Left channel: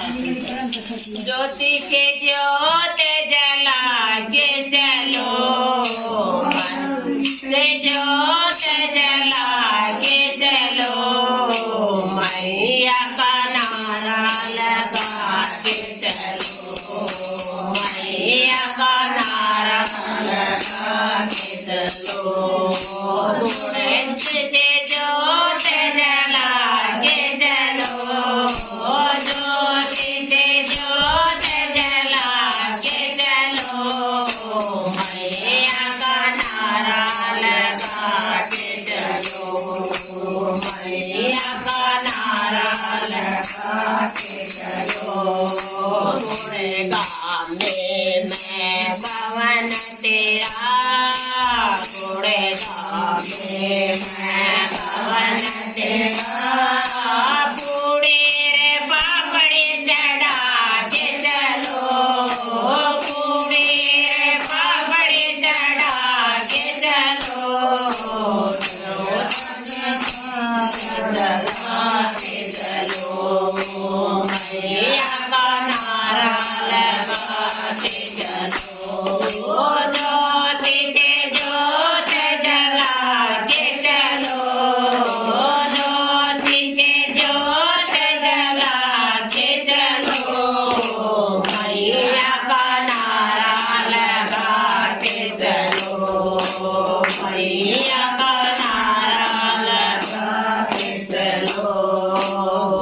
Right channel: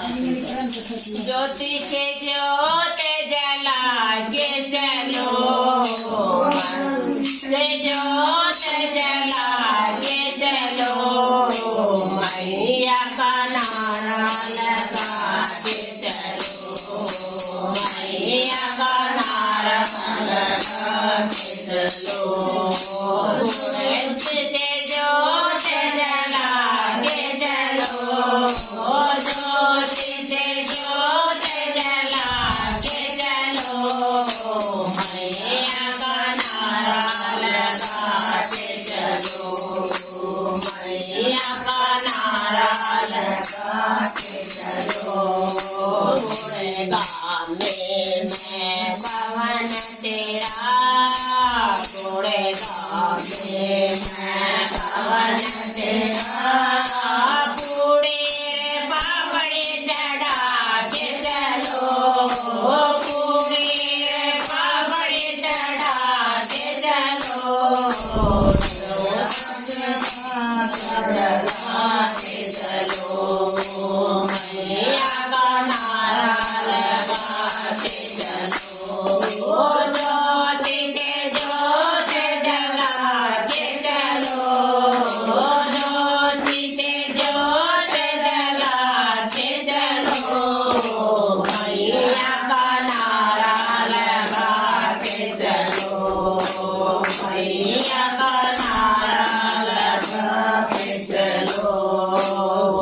ज्योति से ज्योत जला के चलो, से ज्योत जला के चलो, मैया का नारा लगा के चलो, मैया का नारा लगा के चलो, से ज्योत जला के चलो, ज्योति से ज्योत जला के चलो, मैया का नारा लगा के चलो, मैया का नारा लगा के चलो। गुड़गांव में मैं पवन तेरा, गुड़गांव में मैं पवन तेरा, पूड़ी रे पापड़ी चढ़ा के चलो, पूड़ी रे पापड़ी चढ़ा के चलो, जला के चलो, मैया का नारा लगा के चलो, ज्योति से ज्योत जला के चलो, ज्योति से ज्योत जला के चलो, मैया का नारा लगा के चलो, मैया का नारा लगा के चलो।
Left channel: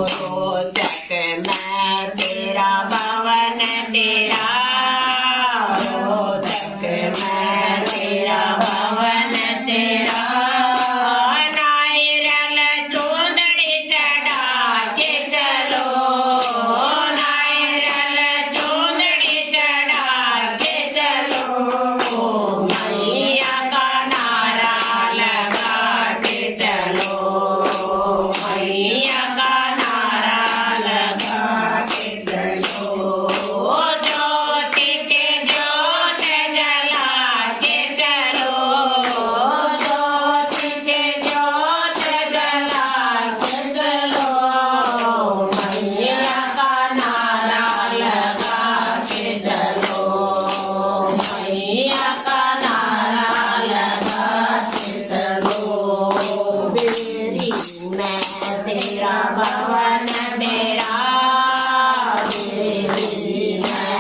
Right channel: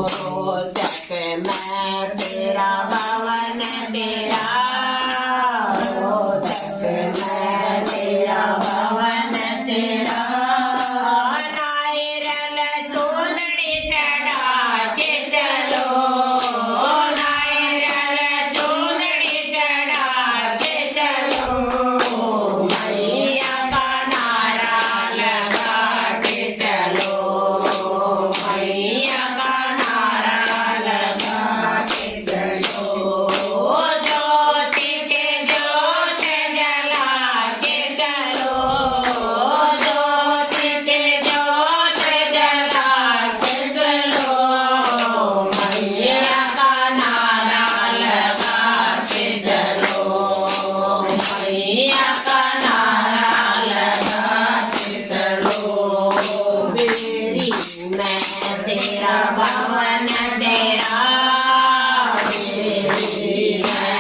रोचक मैं तेरा भवन तेरा, रोचक मैं तेरा भवन तेरा, नारियल चूंदड़ी चढ़ा के चलो, नारियल चूंदड़ी चढ़ा के चलो, मैया का नारा लगा के चलो, मैया का नारा लगा के चलो, ज्योति से ज्योत जला के चलो, ज्योति से ज्योत जला के चलो, मैया का नारा लगा के चलो, मैया का नारा लगा के चलो। बेरी मैं तेरा भवन तेरा, बेरी मैं